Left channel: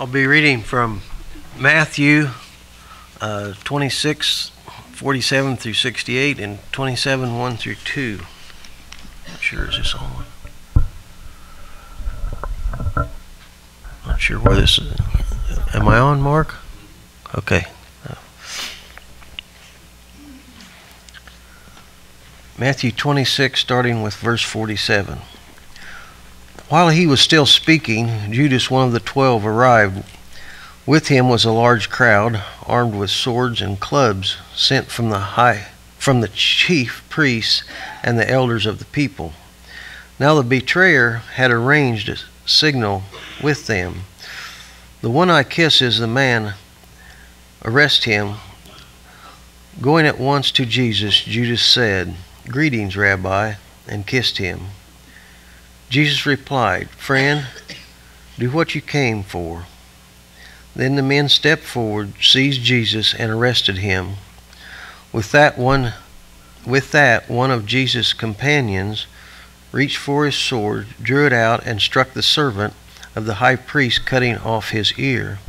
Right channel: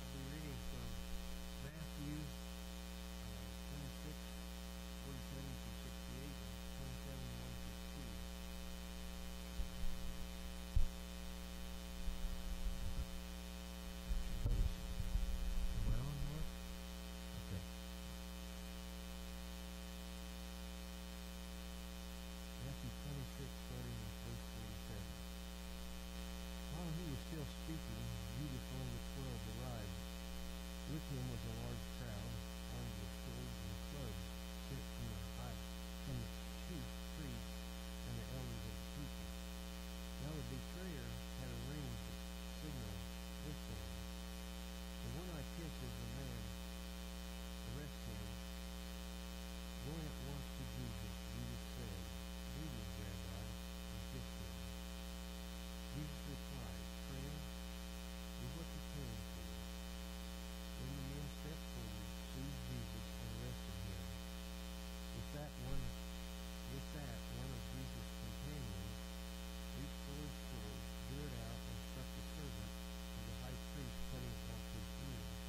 I'll be reading from Matthew 26, 47 through 68 and 27, 1 through 2. Not sure, is this on? Not sure where this is. Am I on, Mark? Okay. Matthew 26, starting with verse 47. While he was still speaking, Judas, one of the 12, arrived. With him was a large crowd, armed with swords and clubs, sent from the chief priests and the elders of the people. Now the betrayer had arranged a signal with them. "The one I kiss is the man. Arrest him." Going at once to Jesus, Judas said, "Greetings, Rabbi," and kissed him. Jesus replied, "Friend, do what you came for." Then the men stepped forward, seized Jesus, and arrested him. With that, one of Jesus' companions reached for his sword, drew it out, and struck the servant of the high priest, cutting off his ear.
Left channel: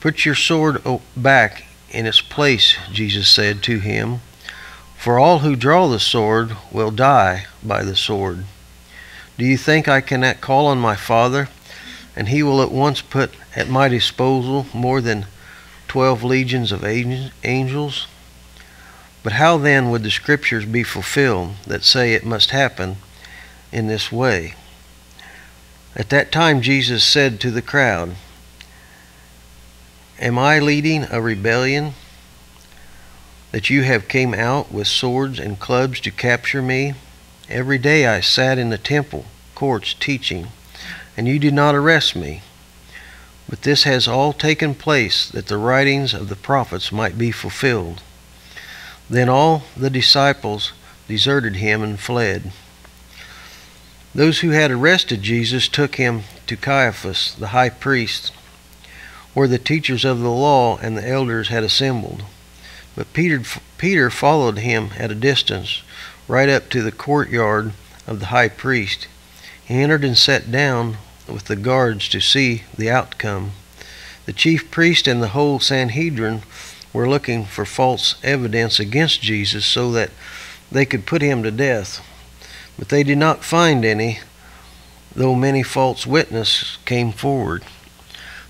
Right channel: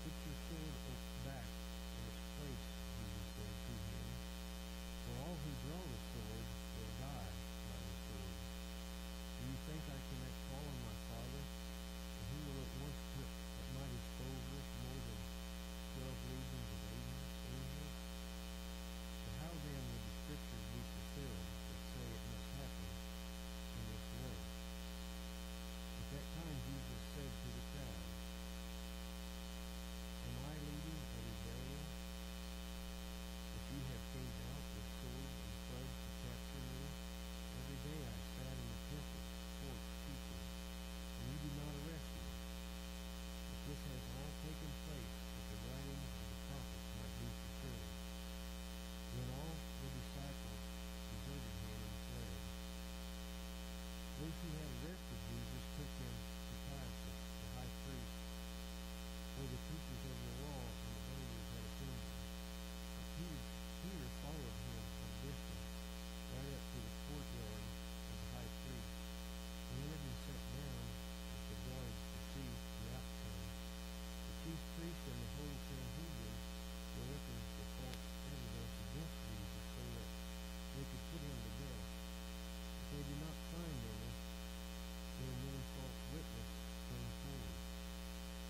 "Put your sword back in its place," Jesus said to him, "for all who draw the sword will die by the sword. Do you think I cannot call on my Father, and he will at once put at my disposal more than 12 legions of angels? But how then would the scriptures be fulfilled that say it must happen in this way?" At that time Jesus said to the crowd, "Am I leading a rebellion that you have came out with swords and clubs to capture me? Every day I sat in the temple courts teaching, and you did not arrest me. But this has all taken place that the writings of the prophets might be fulfilled." Then all the disciples deserted him and fled. Those who had arrested Jesus took him to Caiaphas, the high priest, where the teachers of the law and the elders had assembled. But Peter followed him at a distance, right up to the courtyard of the high priest. He entered and sat down with the guards to see the outcome. The chief priest and the whole Sanhedrin were looking for false evidence against Jesus so that they could put him to death. But they did not find any, though many false witnesses came forward.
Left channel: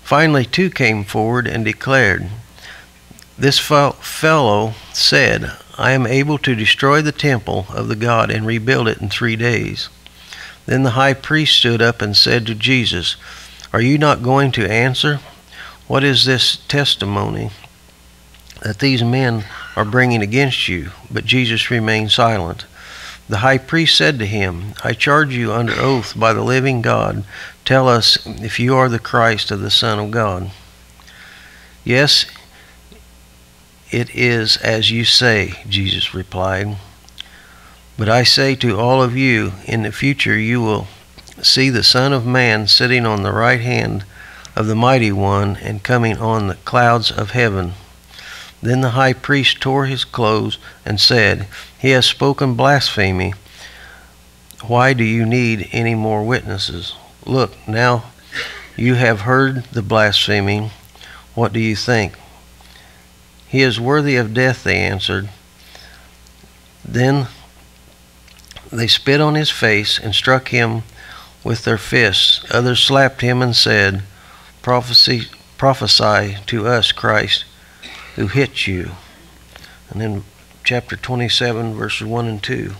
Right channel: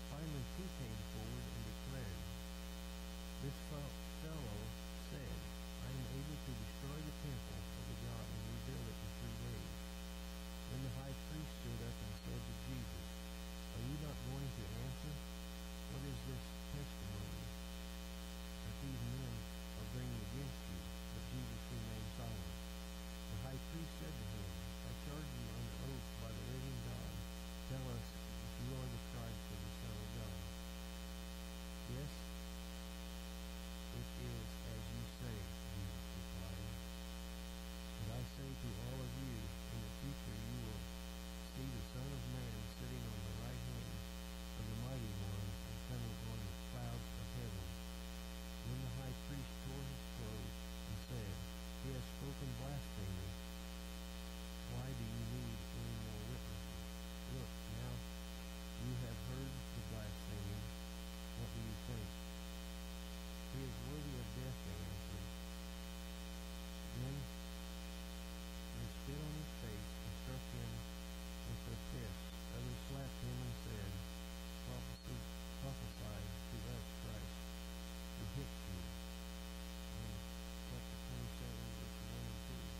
Finally, 2 came forward and declared, "This fellow said, 'I am able to destroy the temple of the God and rebuild it in 3 days.'" Then the high priest stood up and said to Jesus, "Are you not going to answer? What is this testimony that these men are bringing against you?" But Jesus remained silent. The high priest said to him, "I charge you under oath by the living God, tell us if you are the Christ of the Son of God." "Yes, it is as you say," Jesus replied. "But I say to all of you, in the future you will see the Son of Man sitting on the right hand of the Mighty One and coming on the clouds of heaven." Then the high priest tore his clothes and said, "He has spoken blasphemy. Why do you need any more witnesses? Look, now you have heard the blasphemy. What do you think?" "He is worthy of death," they answered. Then they spit on his face and struck him with their fists. Others slapped him and said, Prophesy to us, Christ, who hit you." And then chapter 27, verses 1 and 2.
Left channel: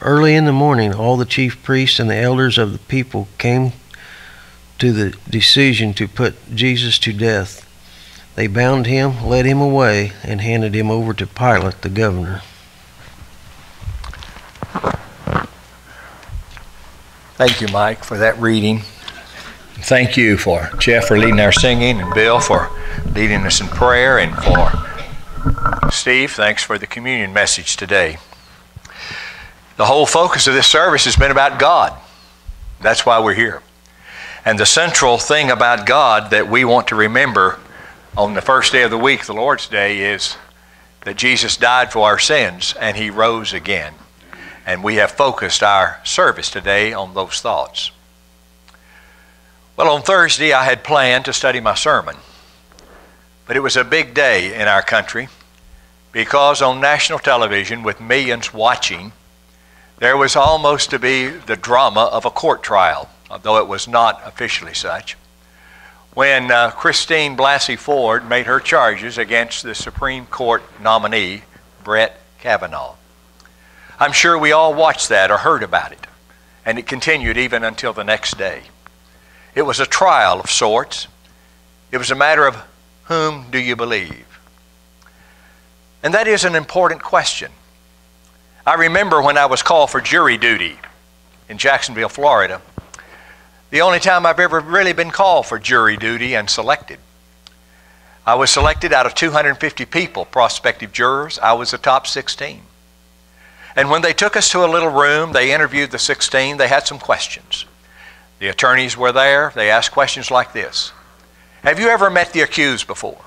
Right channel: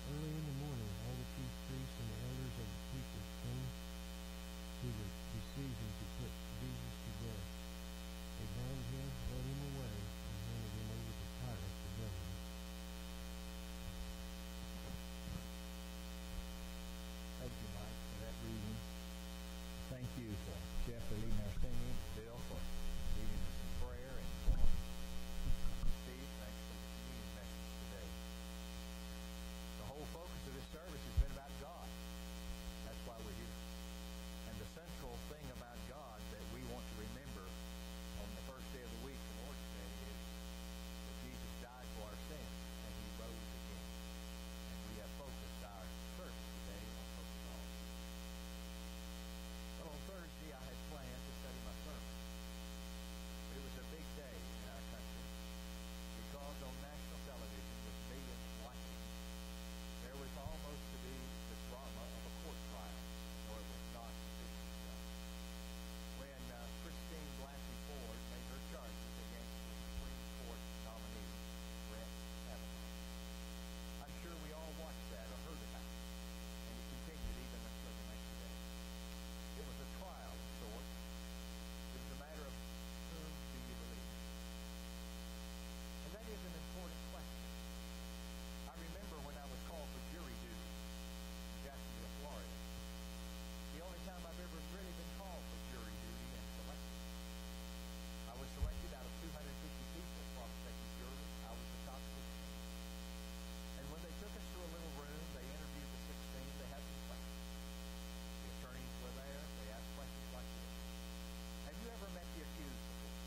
Early in the morning, all the chief priests and the elders of the people came to the decision to put Jesus to death. They bound him, led him away, and handed him over to Pilate, the governor. Thank you, Mike, for that reading. Thank you for Jeff for leading our singing, and Bill for leading us in prayer, and for Steve, thanks for the communion message today. The whole focus of this service has been about God. That's why we're here. And the central thing about God that we want to remember on the first day of the week, the Lord's Day, is that Jesus died for our sins and he rose again. And we have focused our service today on those thoughts. Well, on Thursday I had planned to study my sermon, but it was a big day in our country because on national television with millions watching, there was almost to be the drama of a court trial, although it was not officially such, when Christine Blasey Ford made her charges against the Supreme Court nominee, Brett Kavanaugh. I'm sure we all watched that or heard about it, and it continued even until the next day. It was a trial of sorts. It was a matter of whom do you believe? And that is an important question. I remember when I was called for jury duty in Jacksonville, Florida, the only time I've ever really been called for jury duty and selected. I was selected out of 250 people, prospective jurors. I was the top 16. And when they took us to a little room, they interviewed the 16. They had some questions. The attorneys were there. They asked questions like this. Have you ever met the accused before?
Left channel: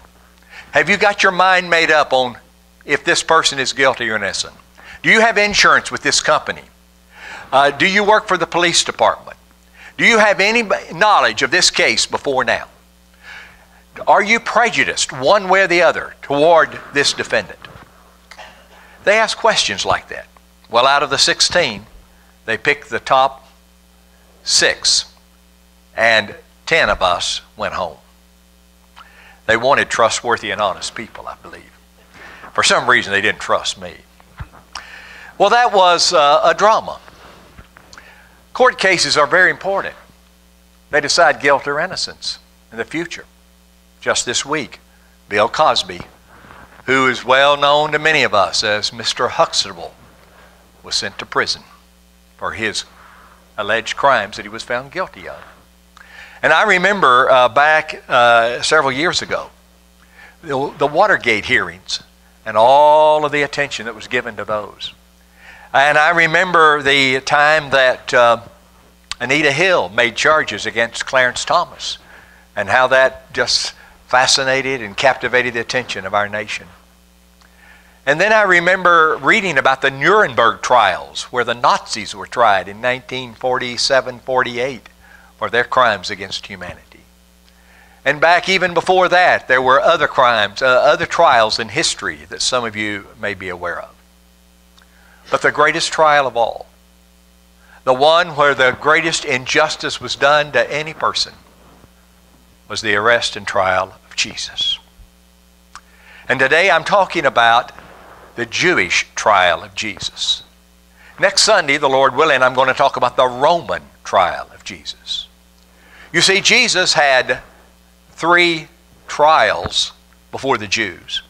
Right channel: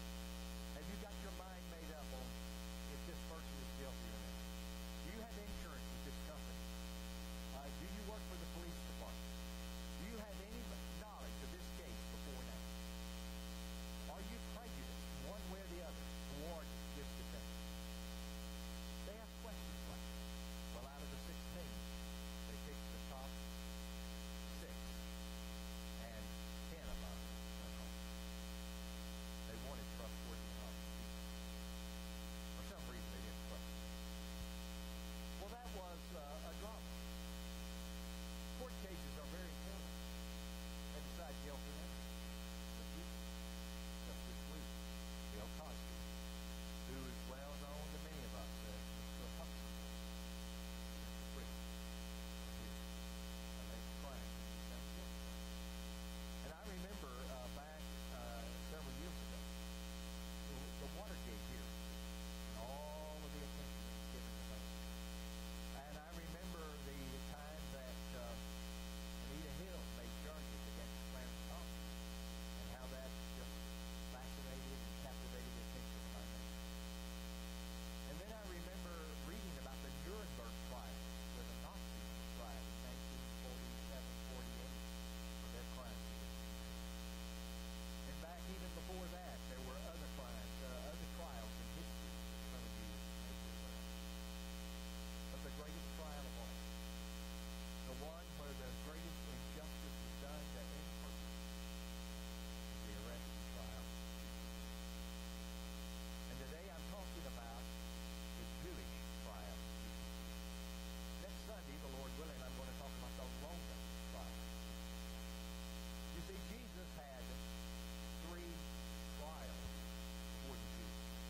Have you got your mind made up on if this person is guilty or innocent? Do you have insurance with this company? Do you work for the police department? Do you have any knowledge of this case before now? Are you prejudiced one way or the other toward this defendant? They asked questions like that. Well, out of the 16, they picked the top 6, and 10 of us went home. They wanted trustworthy and honest people, I believe. For some reason, they didn't trust me. Well, that was a drama. Court cases are very important. They decide guilt or innocence in the future. Just this week, Bill Cosby, who is well known to many of us as Mr. Huxtable, was sent to prison for his alleged crimes that he was found guilty of. And I remember back several years ago, the Watergate hearings and all of the attention that was given to those. And I remember the time that Anita Hill made charges against Clarence Thomas and how that just fascinated and captivated the attention of our nation. And then I remember reading about the Nuremberg trials where the Nazis were tried in 1947-48 for their crimes against humanity. And back even before that, there were other crimes, other trials in history that some of you may be aware of. But the greatest trial of all, the one where the greatest injustice was done to any person, was the arrest and trial of Jesus. And today I'm talking about the Jewish trial of Jesus. Next Sunday, the Lord willing, I'm going to talk about the Roman trial of Jesus. You see, Jesus had 3 trials before the Jews.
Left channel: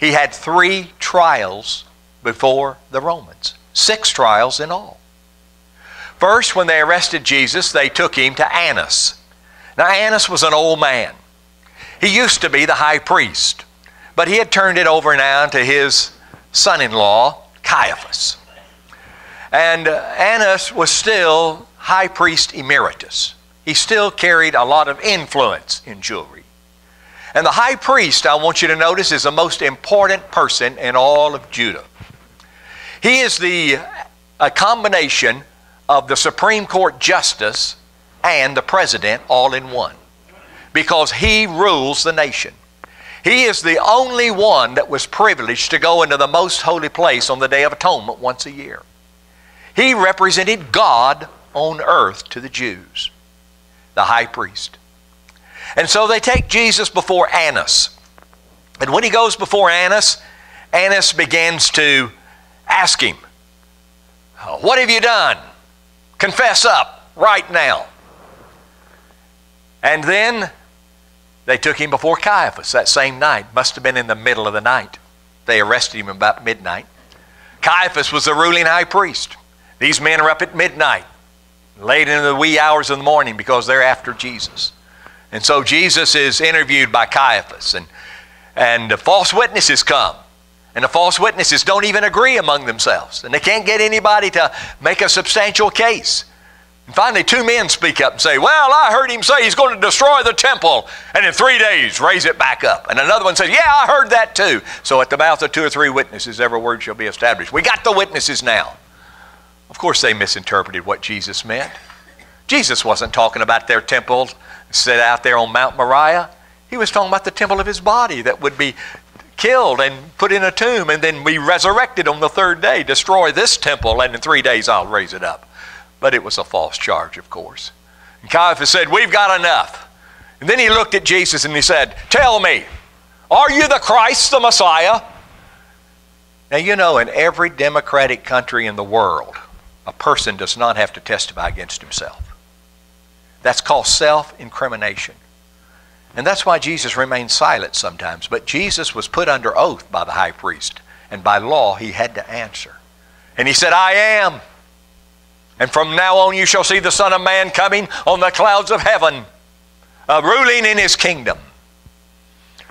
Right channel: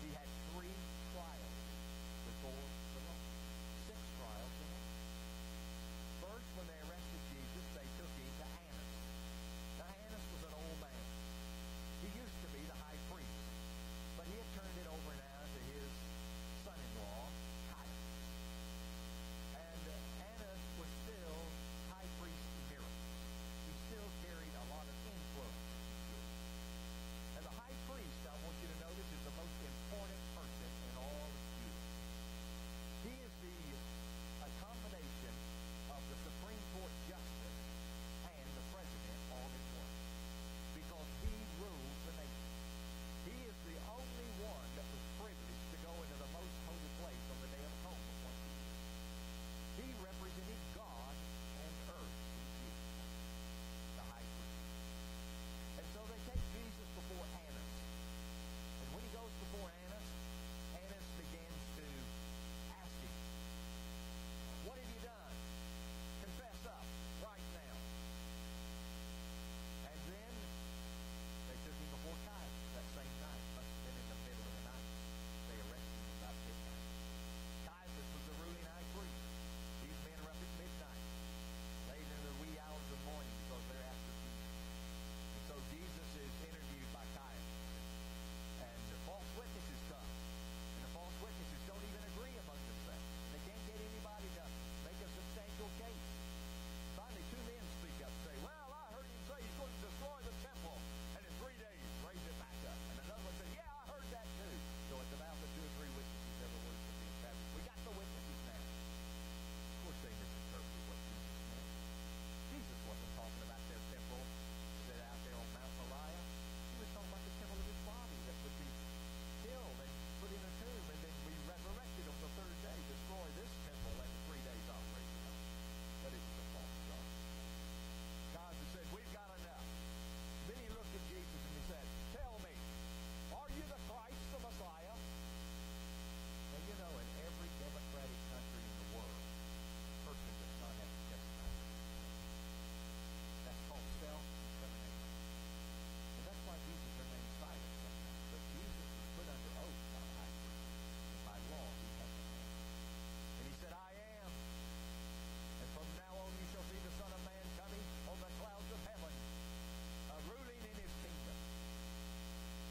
He had 3 trials before the Romans. 6 trials in all. First, when they arrested Jesus, they took him to Annas. Now, Annas was an old man. He used to be the high priest, but he had turned it over now to his son-in-law, Caiaphas. And Annas was still high priest emeritus. He still carried a lot of influence in Jewry. And the high priest, I want you to notice, is the most important person in all of Judah. He is a combination of the Supreme Court justice and the president all in one, because he rules the nation. He is the only one that was privileged to go into the most holy place on the Day of Atonement once a year. He represented God on earth to the Jews, the high priest. And so they take Jesus before Annas. And when he goes before Annas, Annas begins to ask him, "What have you done? Confess up right now." And then they took him before Caiaphas that same night. Must have been in the middle of the night. They arrested him about midnight. Caiaphas was the ruling high priest. These men are up at midnight, late into the wee hours of the morning, because they're after Jesus. And so Jesus is interviewed by Caiaphas, and the false witnesses come. And the false witnesses don't even agree among themselves. And they can't get anybody to make a substantial case. And finally, 2 men speak up and say, "Well, I heard him say he's going to destroy the temple and in 3 days raise it back up." And another one says, "Yeah, I heard that too." So at the mouth of 2 or 3 witnesses, every word shall be established. We got the witnesses now. Of course, they misinterpreted what Jesus meant. Jesus wasn't talking about their temple Set out there on Mount Moriah, he was talking about the temple of his body that would be killed and put in a tomb and then be resurrected on the third day. Destroy this temple and in 3 days I'll raise it up. But it was a false charge, of course. And Caiaphas said, we've got enough. And then he looked at Jesus and he said, tell me, are you the Christ, the Messiah? Now, you know, in every democratic country in the world, a person does not have to testify against himself. That's called self-incrimination. And that's why Jesus remained silent sometimes. But Jesus was put under oath by the high priest. And by law, he had to answer. And he said, I am. And from now on you shall see the Son of Man coming on the clouds of heaven, ruling in his kingdom.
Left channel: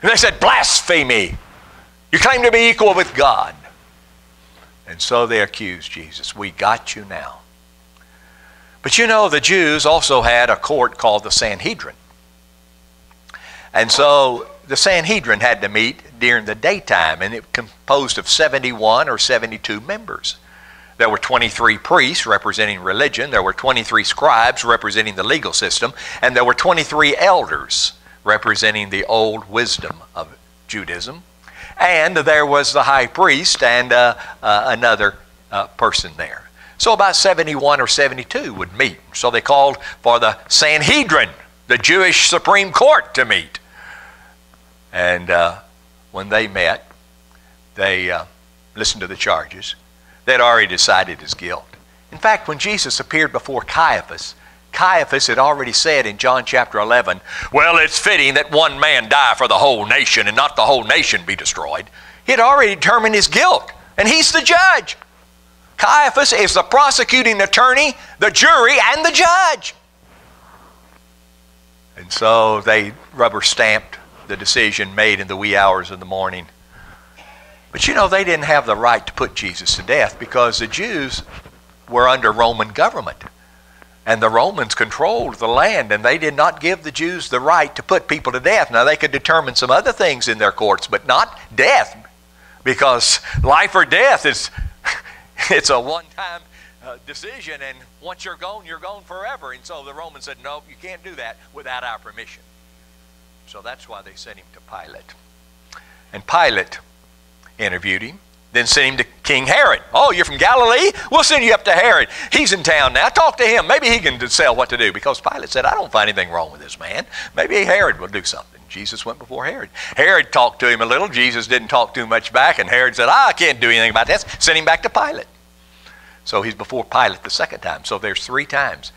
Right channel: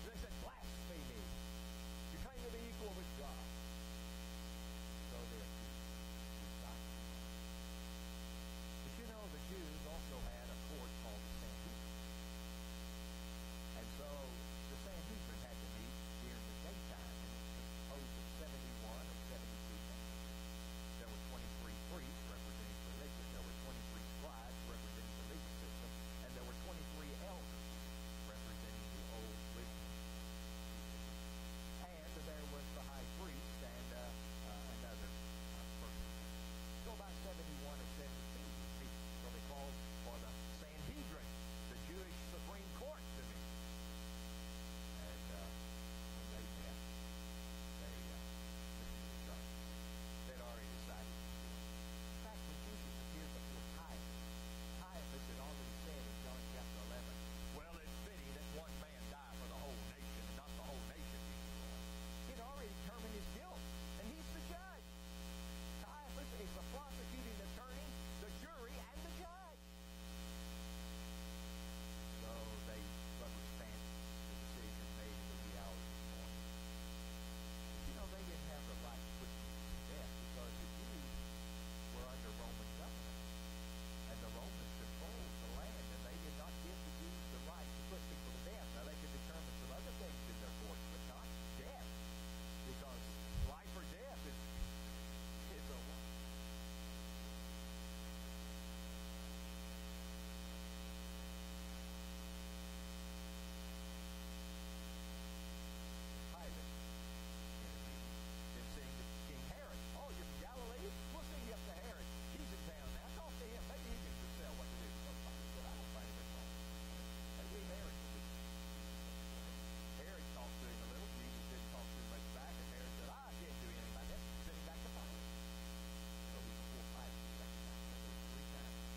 And they said, blasphemy. You claim to be equal with God. And so they accused Jesus. We got you now. But you know, the Jews also had a court called the Sanhedrin. And so the Sanhedrin had to meet during the daytime, and it composed of 71 or 72 members. There were 23 priests representing religion, there were 23 scribes representing the legal system, and there were 23 elders representing the old wisdom of Judaism. And there was the high priest and another person there. So about 71 or 72 would meet. So they called for the Sanhedrin, the Jewish Supreme Court, to meet. And when they met, they listened to the charges. They'd already decided his guilt. In fact, when Jesus appeared before Caiaphas, Caiaphas had already said in John chapter 11, well, it's fitting that one man die for the whole nation and not the whole nation be destroyed. He had already determined his guilt, and he's the judge. Caiaphas is the prosecuting attorney, the jury, and the judge. And so they rubber stamped the decision made in the wee hours of the morning. But you know, they didn't have the right to put Jesus to death because the Jews were under Roman government. And the Romans controlled the land, and they did not give the Jews the right to put people to death. Now, they could determine some other things in their courts, but not death, because life or death is it's a one-time decision, and once you're gone forever. And so the Romans said, no, you can't do that without our permission. So that's why they sent him to Pilate. And Pilate interviewed him, then sent him to King Herod. Oh, you're from Galilee? We'll send you up to Herod. He's in town now. Talk to him. Maybe he can tell what to do. Because Pilate said, I don't find anything wrong with this man. Maybe Herod will do something. Jesus went before Herod. Herod talked to him a little. Jesus didn't talk too much back. And Herod said, I can't do anything about that. Send him back to Pilate. So he's before Pilate the second time. So there's 3 times.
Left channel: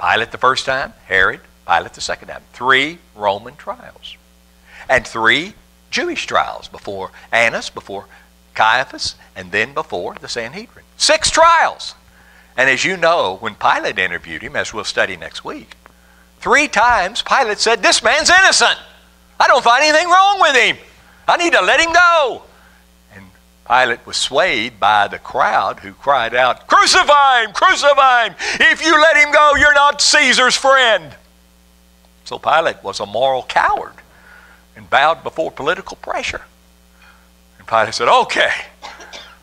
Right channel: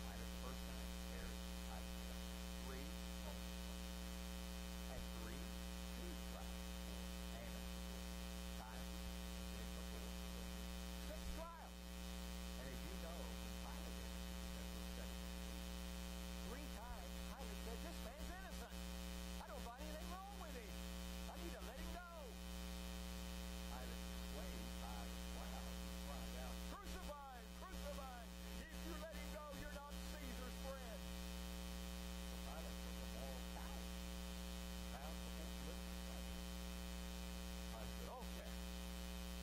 Pilate the first time, Herod, Pilate the second time. 3 Roman trials. And 3 Jewish trials before Annas, before Caiaphas, and then before the Sanhedrin. 6 trials. And as you know, when Pilate interviewed him, as we'll study next week, 3 times Pilate said, this man's innocent. I don't find anything wrong with him. I need to let him go. And Pilate was swayed by the crowd who cried out, crucify him, crucify him. If you let him go, you're not Caesar's friend. So Pilate was a moral coward and bowed before political pressure. And Pilate said, okay,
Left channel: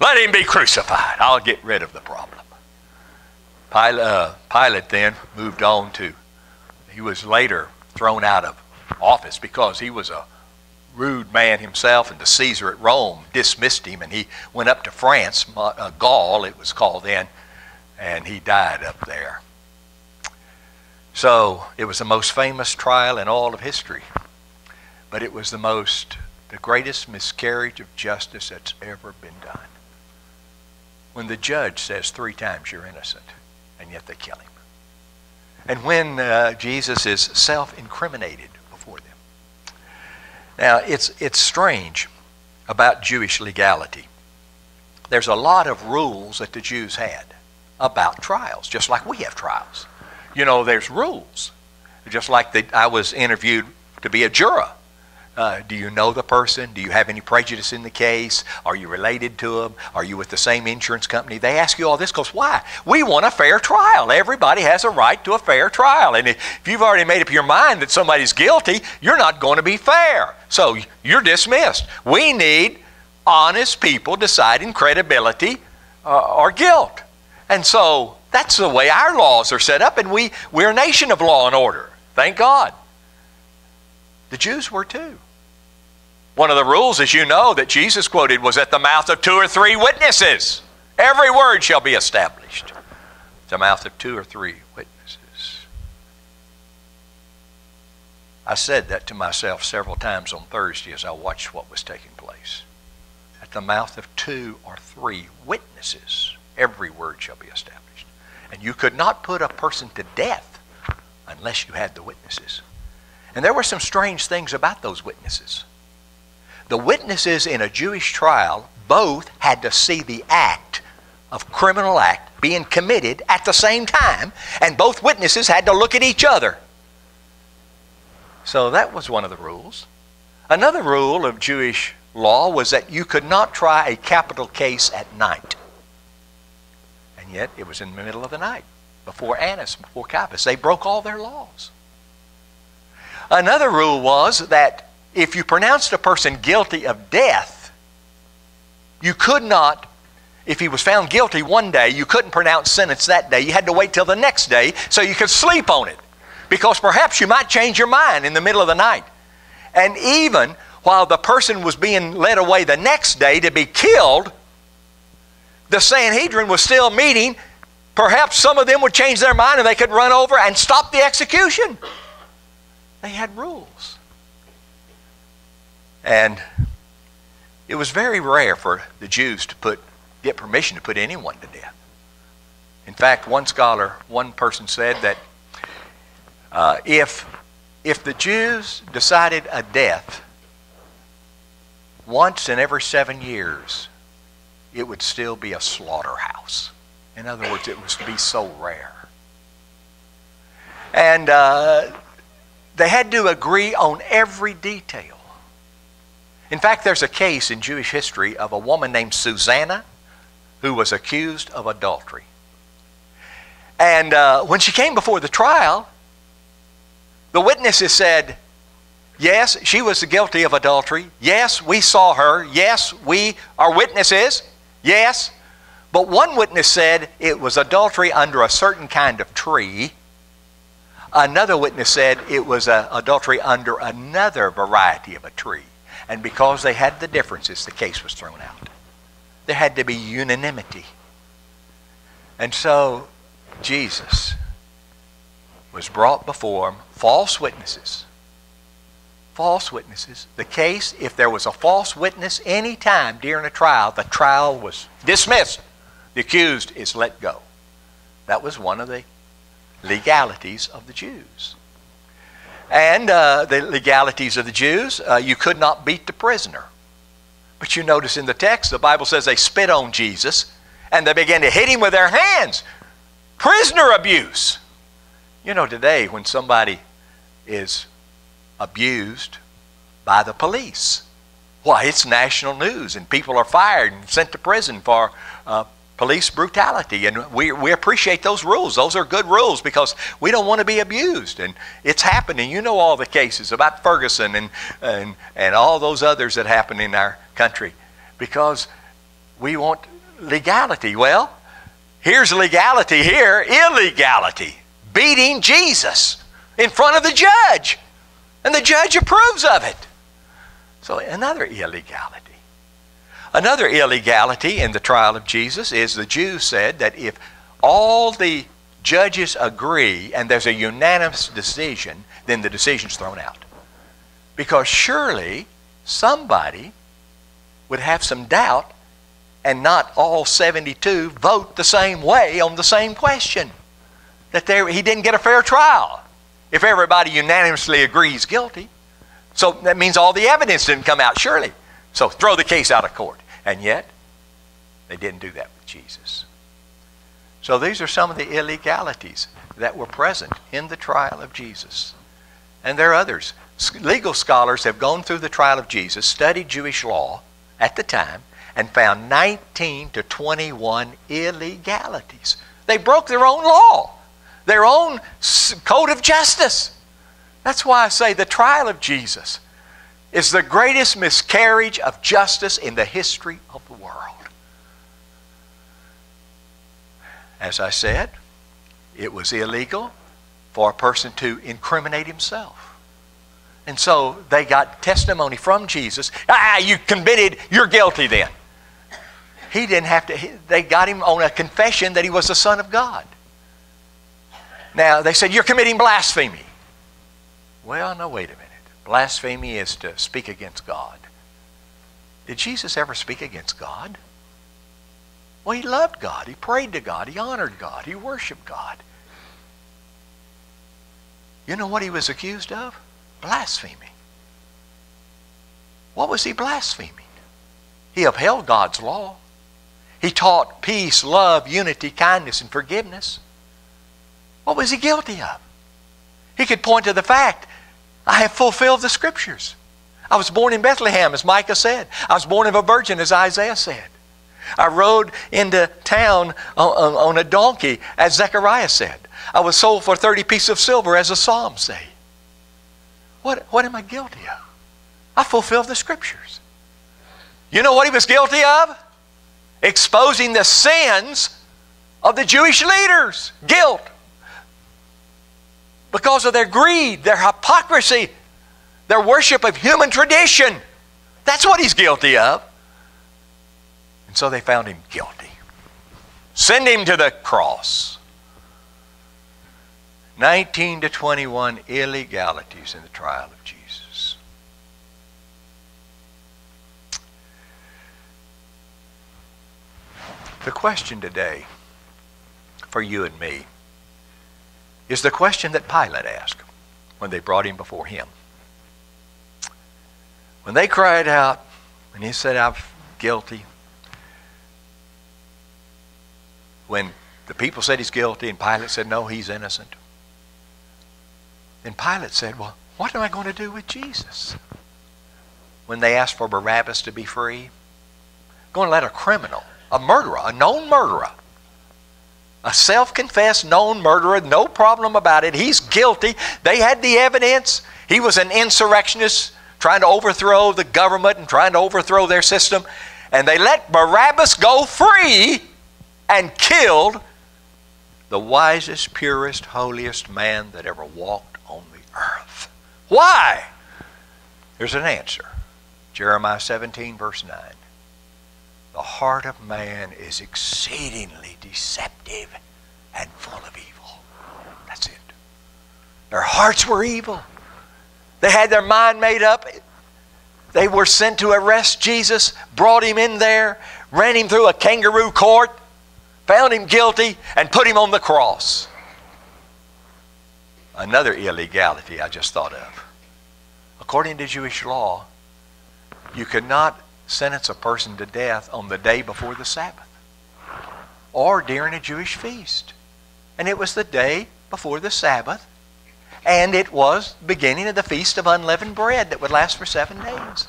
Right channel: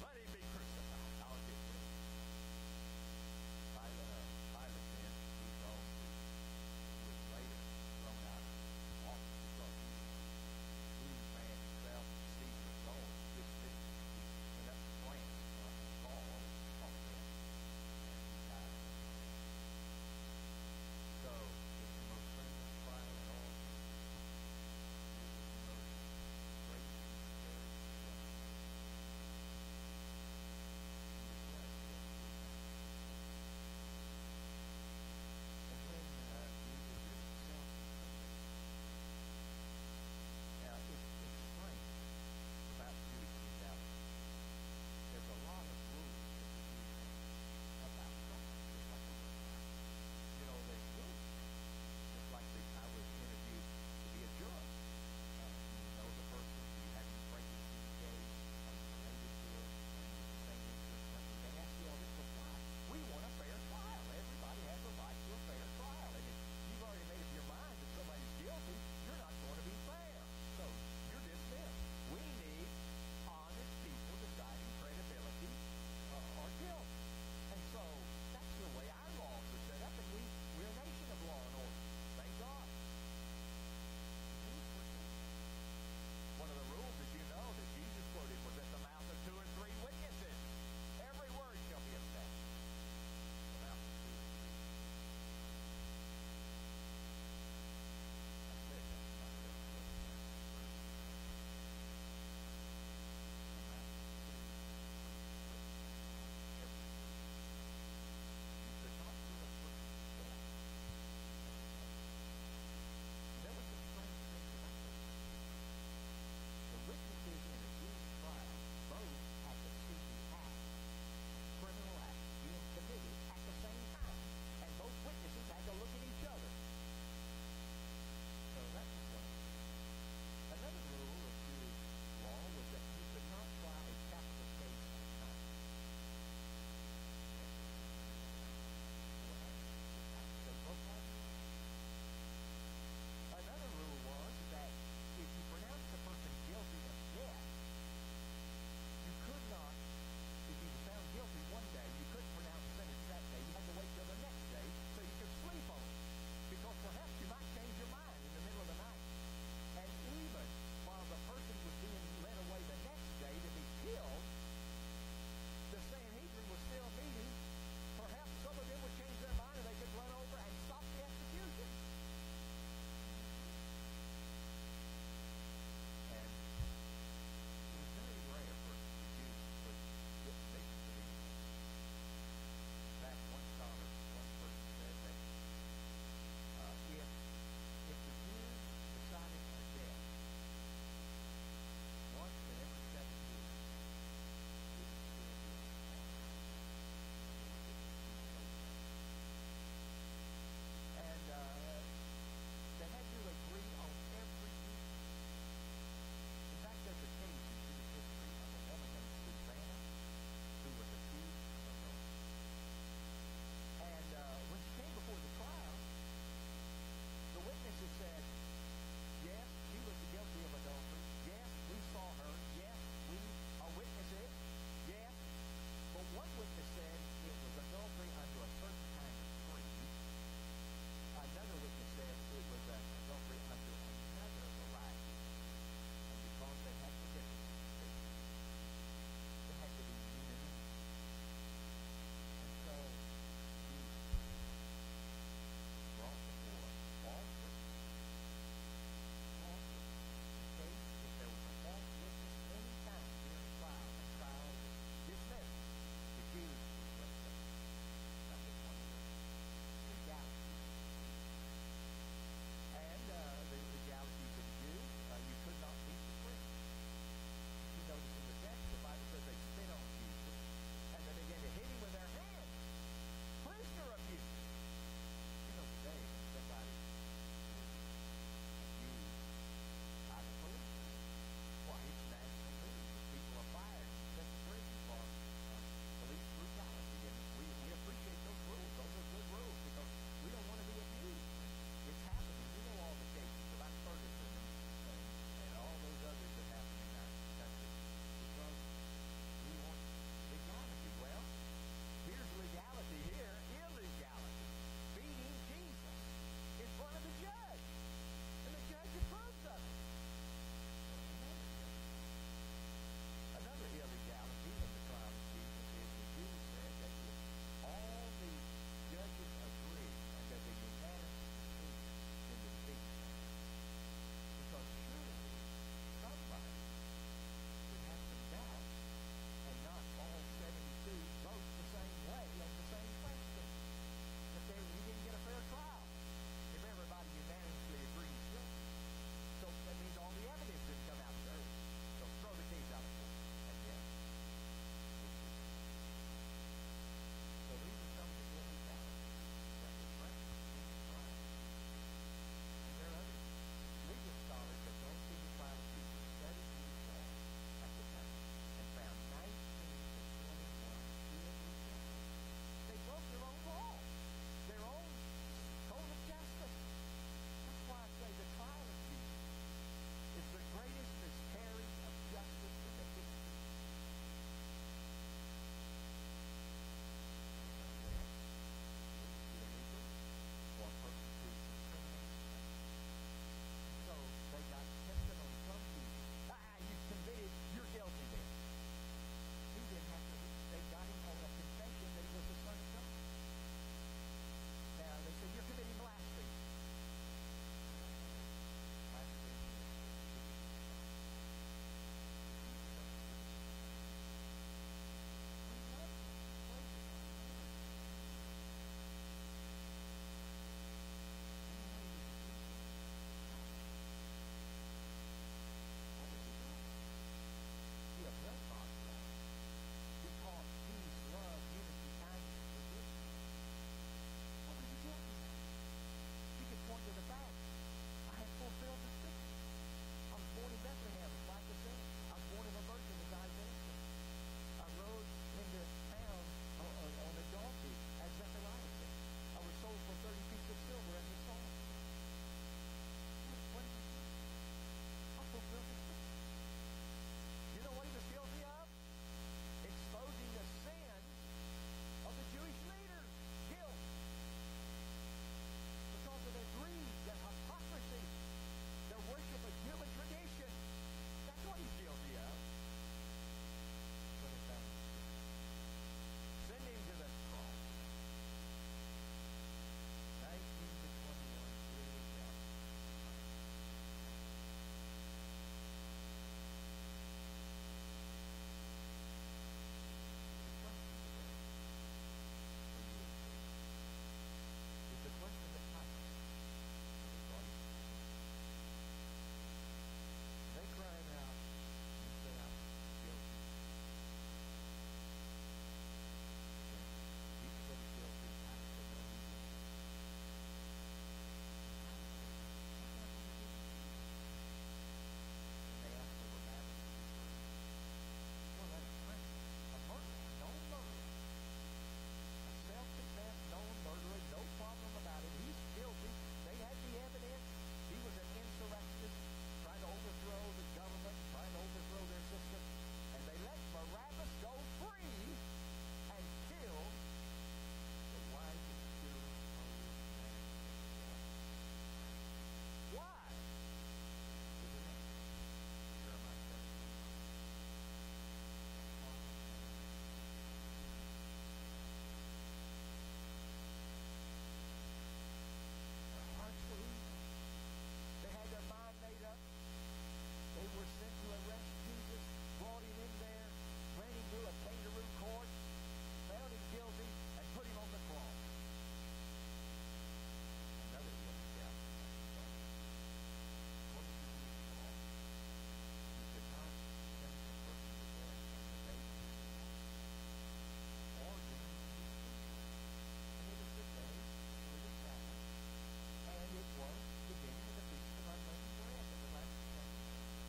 let him be crucified. I'll get rid of the problem. Pilate then moved on to, he was later thrown out of office because he was a rude man himself, and the Caesar at Rome dismissed him, and he went up to France, Gaul it was called then, and he died up there. So it was the most famous trial in all of history, but it was the greatest miscarriage of justice that's ever been done. When the judge says 3 times you're innocent, and yet they kill him. And when Jesus is self-incriminated before them. Now, it's strange about Jewish legality. There's a lot of rules that the Jews had about trials, just like we have trials. You know, there's rules. Just like I was interviewed to be a juror. Do you know the person? Do you have any prejudice in the case? Are you related to them? Are you with the same insurance company? They ask you all this because why? We want a fair trial. Everybody has a right to a fair trial. And if you've already made up your mind that somebody's guilty, you're not going to be fair. So you're dismissed. We need honest people deciding credibility or guilt. And so that's the way our laws are set up, and we're a nation of law and order. Thank God. The Jews were too. One of the rules, as you know, that Jesus quoted was at the mouth of 2 or 3 witnesses. Every word shall be established. At the mouth of 2 or 3 witnesses. I said that to myself several times on Thursday as I watched what was taking place. At the mouth of 2 or 3 witnesses, every word shall be established. And you could not put a person to death unless you had the witnesses. And there were some strange things about those witnesses. The witnesses in a Jewish trial both had to see the act of criminal act being committed at the same time, and both witnesses had to look at each other. So that was one of the rules. Another rule of Jewish law was that you could not try a capital case at night. And yet it was in the middle of the night, before Annas, before Caiaphas. They broke all their laws. Another rule was that if you pronounced a person guilty of death, you could not, if he was found guilty one day, you couldn't pronounce sentence that day. You had to wait till the next day so you could sleep on it. Because perhaps you might change your mind in the middle of the night. And even while the person was being led away the next day to be killed, the Sanhedrin was still meeting. Perhaps some of them would change their mind and they could run over and stop the execution. They had rules. And it was very rare for the Jews to get permission to put anyone to death. In fact, one person said that if the Jews decided a death once in every 7 years, it would still be a slaughterhouse. In other words, it would be so rare. And they had to agree on every detail. In fact, there's a case in Jewish history of a woman named Susanna who was accused of adultery. And when she came before the trial, the witnesses said, yes, she was guilty of adultery. Yes, we saw her. Yes, we are witnesses. Yes. But one witness said it was adultery under a certain kind of tree. Another witness said it was adultery under another variety of a tree. And because they had the differences, the case was thrown out. There had to be unanimity. And so Jesus was brought before them, false witnesses. False witnesses. The case, if there was a false witness any time during a trial, the trial was dismissed. The accused is let go. That was one of the legalities of the Jews. And the legalities of the Jews, you could not beat the prisoner. But you notice in the text, the Bible says they spit on Jesus and they began to hit him with their hands. Prisoner abuse. You know, today when somebody is abused by the police, why, it's national news and people are fired and sent to prison for police brutality. And we appreciate those rules. Those are good rules because we don't want to be abused. And it's happening. You know all the cases about Ferguson and all those others that happen in our country because we want legality. Well, here's legality here, illegality. Beating Jesus in front of the judge. And the judge approves of it. So another illegality. Another illegality in the trial of Jesus is the Jews said that if all the judges agree and there's a unanimous decision, then the decision's thrown out. Because surely somebody would have some doubt and not all 72 vote the same way on the same question. That he didn't get a fair trial if everybody unanimously agrees guilty. So that means all the evidence didn't come out, surely. So throw the case out of court. And yet, they didn't do that with Jesus. So these are some of the illegalities that were present in the trial of Jesus. And there are others. Legal scholars have gone through the trial of Jesus, studied Jewish law at the time, and found 19 to 21 illegalities. They broke their own law, their own code of justice. That's why I say the trial of Jesus is the greatest miscarriage of justice in the history of the world. As I said, it was illegal for a person to incriminate himself. And so they got testimony from Jesus. You committed, you're guilty then. He didn't have to, they got him on a confession that he was the Son of God. Now, they said, you're committing blasphemy. Well, no, wait a minute. Blasphemy is to speak against God. Did Jesus ever speak against God? Well, he loved God. He prayed to God. He honored God. He worshiped God. You know what he was accused of? Blasphemy. What was he blaspheming? He upheld God's law. He taught peace, love, unity, kindness, and forgiveness. What was he guilty of? He could point to the fact, I have fulfilled the Scriptures. I was born in Bethlehem, as Micah said. I was born of a virgin, as Isaiah said. I rode into town on a donkey, as Zechariah said. I was sold for 30 pieces of silver, as the Psalms say. What am I guilty of? I fulfilled the Scriptures. You know what he was guilty of? Exposing the sins of the Jewish leaders. Guilt. Because of their greed, their hypocrisy, their worship of human tradition. That's what he's guilty of. And so they found him guilty. Send him to the cross. 19 to 21 illegalities in the trial of Jesus. The question today for you and me is the question that Pilate asked when they brought him before him. When they cried out and he said, I'm guilty. When the people said he's guilty and Pilate said, no, he's innocent. And Pilate said, well, what am I going to do with Jesus? When they asked for Barabbas to be free, going to let a criminal, a murderer, a known murderer, a self-confessed known murderer, no problem about it. He's guilty. They had the evidence. He was an insurrectionist trying to overthrow the government and trying to overthrow their system. And they let Barabbas go free and killed the wisest, purest, holiest man that ever walked on the earth. Why? There's an answer. Jeremiah 17, verse 9. The heart of man is exceedingly deceptive and full of evil. That's it. Their hearts were evil. They had their mind made up. They were sent to arrest Jesus, brought him in there, ran him through a kangaroo court, found him guilty, and put him on the cross. Another illegality I just thought of. According to Jewish law, you could not sentence a person to death on the day before the Sabbath or during a Jewish feast. And it was the day before the Sabbath, and it was the beginning of the Feast of Unleavened Bread that would last for 7 days.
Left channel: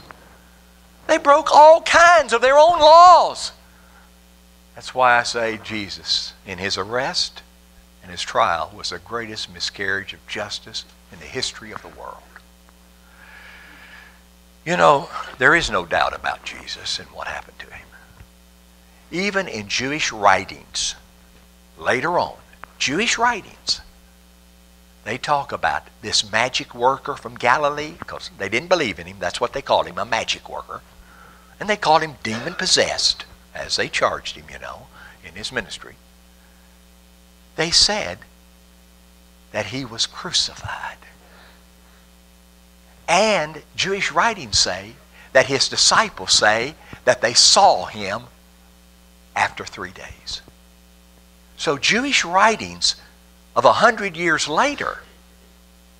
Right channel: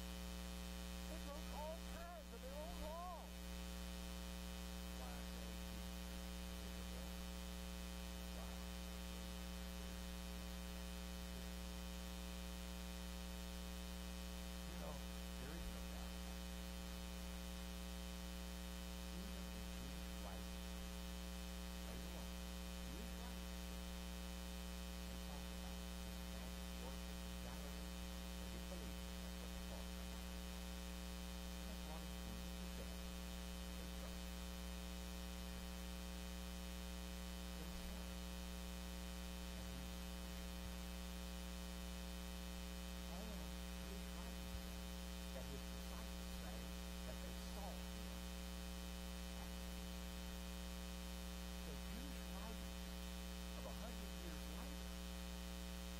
They broke all kinds of their own laws. That's why I say Jesus, in his arrest and his trial, was the greatest miscarriage of justice in the history of the world. You know, there is no doubt about Jesus and what happened to him. Even in Jewish writings, later on, Jewish writings, they talk about this magic worker from Galilee, because they didn't believe in him. That's what they called him, a magic worker. And they called him demon-possessed, as they charged him, you know, in his ministry. They said that he was crucified. And Jewish writings say that his disciples say that they saw him after 3 days. So Jewish writings of 100 years later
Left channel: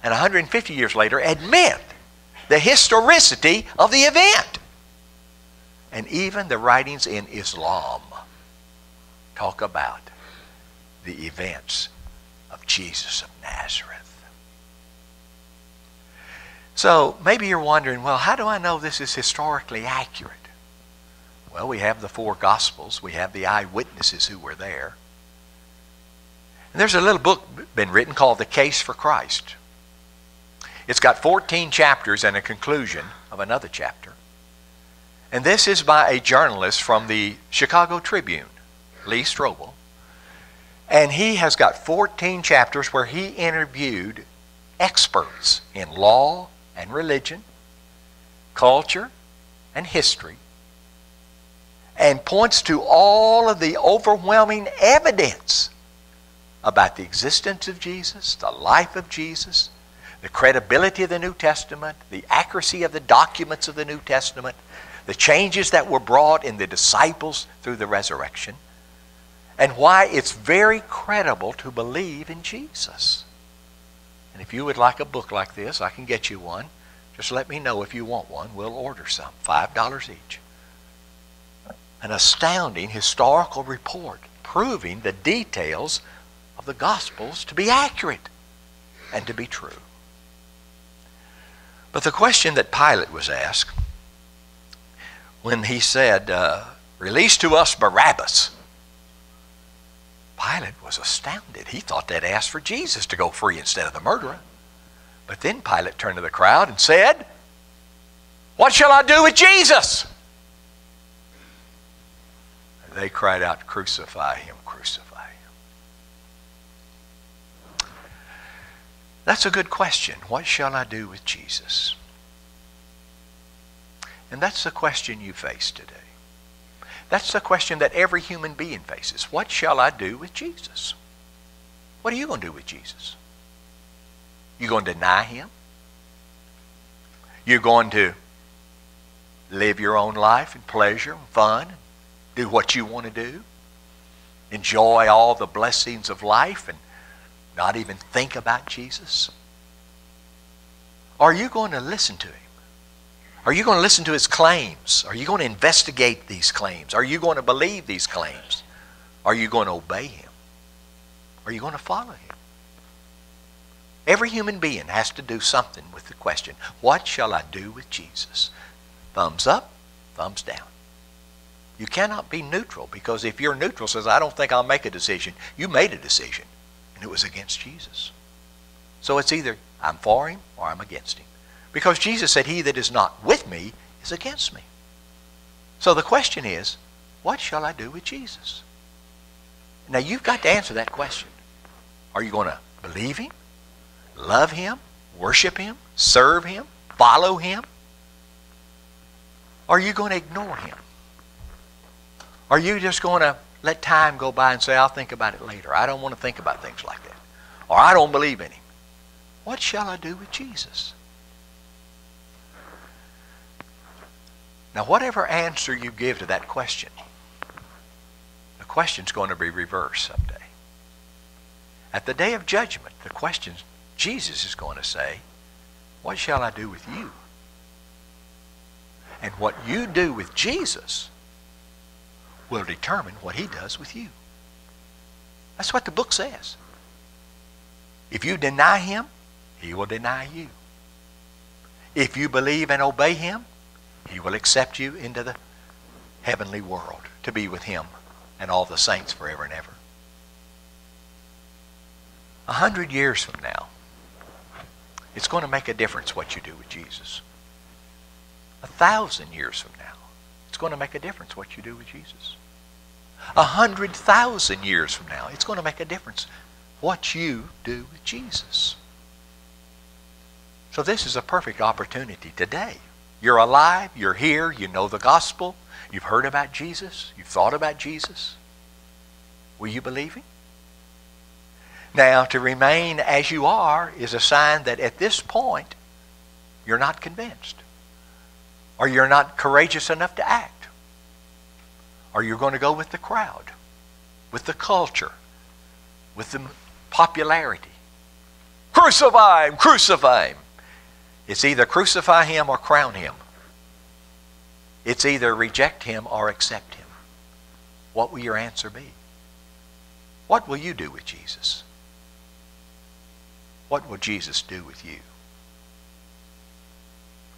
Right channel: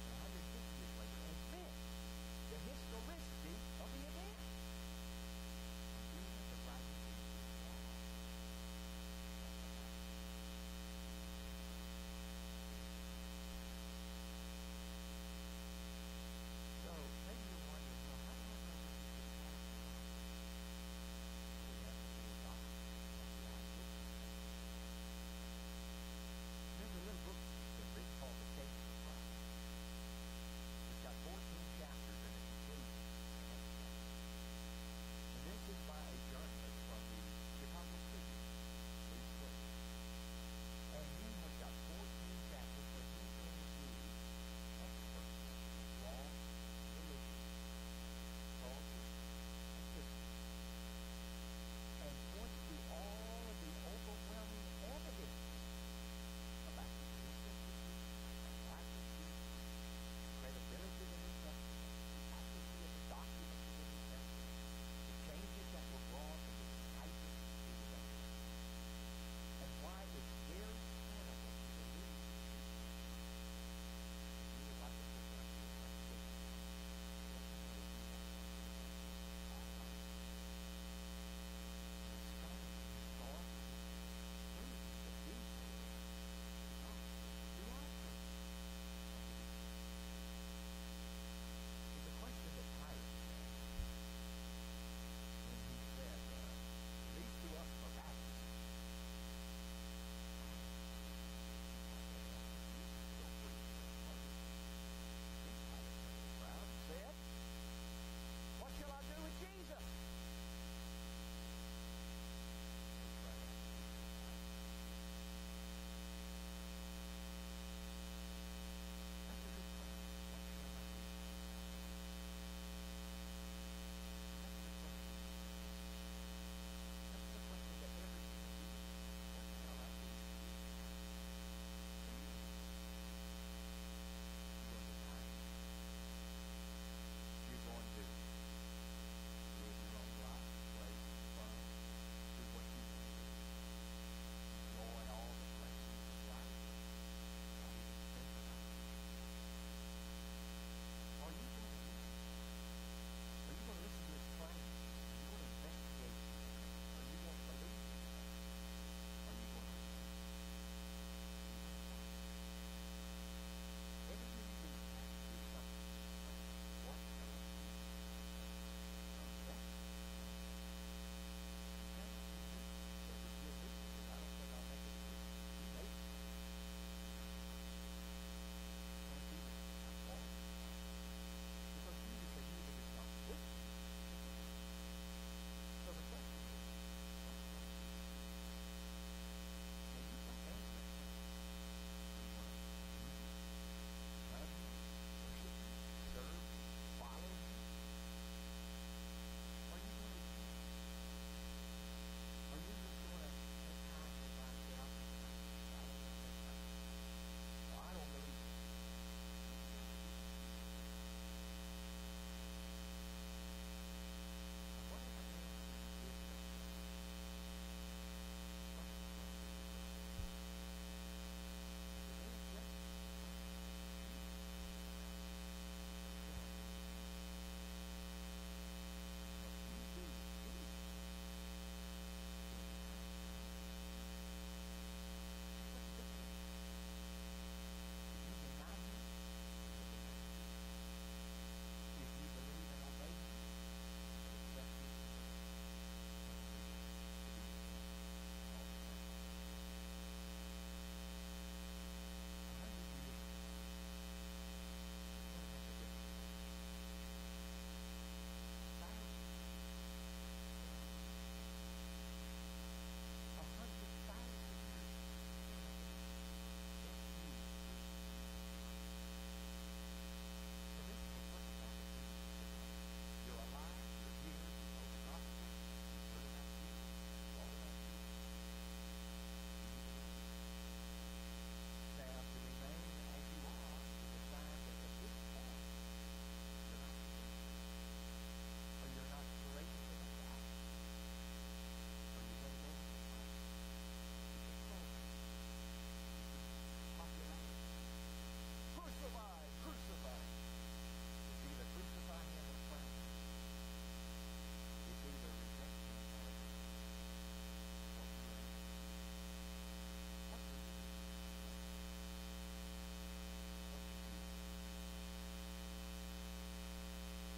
and 150 years later admit the historicity of the event. And even the writings in Islam talk about the events of Jesus of Nazareth. So maybe you're wondering, well, how do I know this is historically accurate? Well, we have the 4 Gospels. We have the eyewitnesses who were there. And there's a little book been written called The Case for Christ. It's got 14 chapters and a conclusion of another chapter. And this is by a journalist from the Chicago Tribune, Lee Strobel. And he has got 14 chapters where he interviewed experts in law and religion, culture and history, and points to all of the overwhelming evidence about the existence of Jesus, the life of Jesus, the credibility of the New Testament, the accuracy of the documents of the New Testament, the changes that were brought in the disciples through the resurrection, and why it's very credible to believe in Jesus. And if you would like a book like this, I can get you one. Just let me know if you want one. We'll order some, $5 each. An astounding historical report proving the details of the Gospels to be accurate and to be true. But the question that Pilate was asked when he said, release to us Barabbas, Pilate was astounded. He thought they'd asked for Jesus to go free instead of the murderer. But then Pilate turned to the crowd and said, what shall I do with Jesus? They cried out, crucify him, crucify him. That's a good question. What shall I do with Jesus? And that's the question you face today. That's the question that every human being faces. What shall I do with Jesus? What are you going to do with Jesus? You going to deny him? You're going to live your own life in pleasure and fun, do what you want to do, enjoy all the blessings of life and not even think about Jesus? Are you going to listen to him? Are you going to listen to his claims? Are you going to investigate these claims? Are you going to believe these claims? Are you going to obey him? Are you going to follow him? Every human being has to do something with the question, what shall I do with Jesus? Thumbs up, thumbs down. You cannot be neutral, because if you're neutral, says, I don't think I'll make a decision, you made a decision, and it was against Jesus. So it's either I'm for him or I'm against him. Because Jesus said, he that is not with me is against me. So the question is, what shall I do with Jesus? Now you've got to answer that question. Are you going to believe him, love him, worship him, serve him, follow him? Are you going to ignore him? Are you just going to let time go by and say, I'll think about it later. I don't want to think about things like that. Or I don't believe in him. What shall I do with Jesus? Now, whatever answer you give to that question, the question's going to be reversed someday. At the day of judgment, the question Jesus is going to say, what shall I do with you? And what you do with Jesus will determine what he does with you. That's what the book says. If you deny him, he will deny you. If you believe and obey him, he will accept you into the heavenly world to be with him and all the saints forever and ever. 100 years from now, it's going to make a difference what you do with Jesus. 1,000 years from now, it's going to make a difference what you do with Jesus. 100,000 years from now, it's going to make a difference what you do with Jesus. So this is a perfect opportunity today. You're alive, you're here, you know the gospel, you've heard about Jesus, you've thought about Jesus. Will you believe him? Now, to remain as you are is a sign that at this point, you're not convinced. Or you're not courageous enough to act. Or you're going to go with the crowd, with the culture, with the popularity. Crucify him, crucify him. It's either crucify him or crown him. It's either reject him or accept him. What will your answer be? What will you do with Jesus? What will Jesus do with you?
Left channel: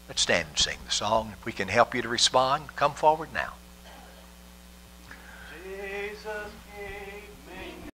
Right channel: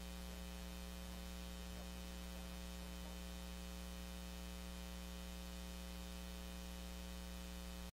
Let's stand and sing the song. If we can help you to respond, come forward now. Jesus.